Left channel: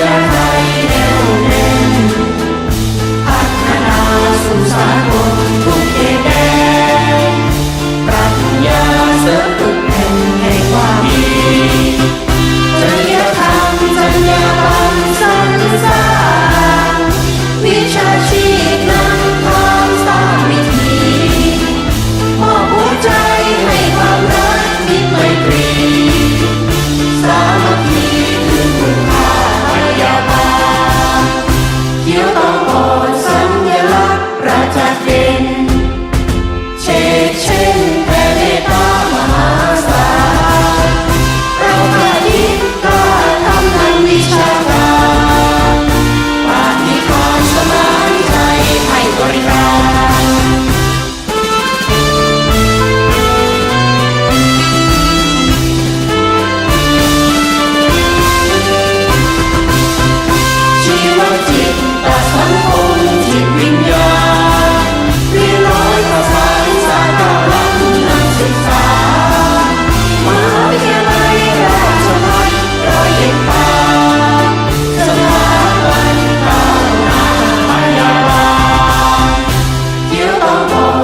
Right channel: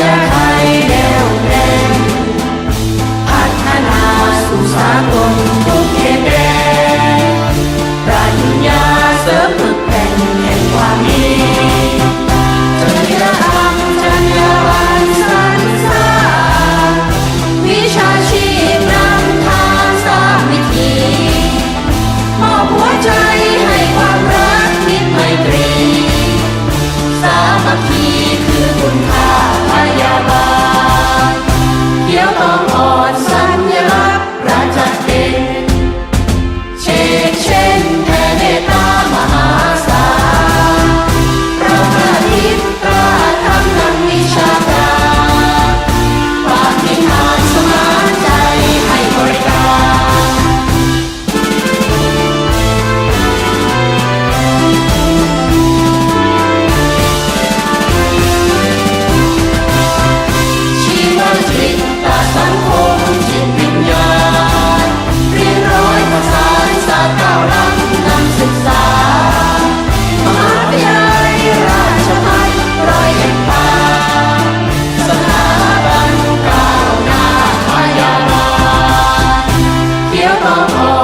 ญาไทยดี่วแน่นพัฒนาสู่สากลทุกเขตแดนปรัชญาเสริมฝึกแผ่นแห่งความดี eu não morro.